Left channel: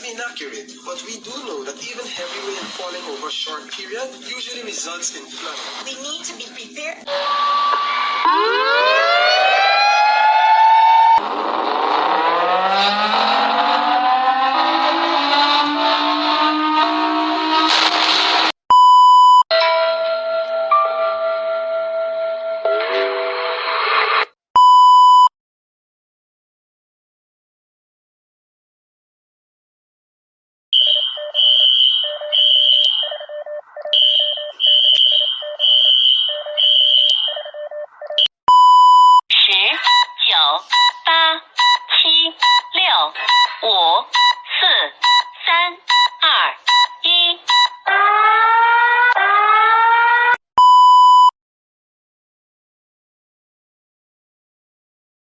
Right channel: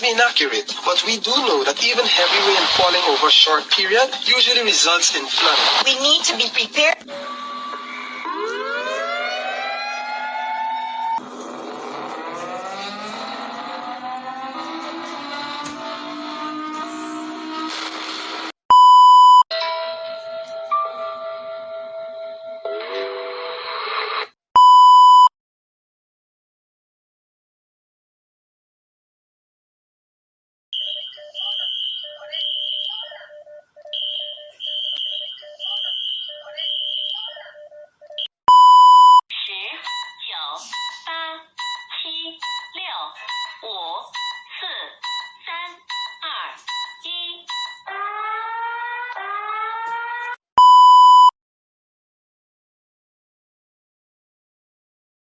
must be inaccurate, but we do know that even heavy rain falling over a short period usually results in flooding. We need to be prepared.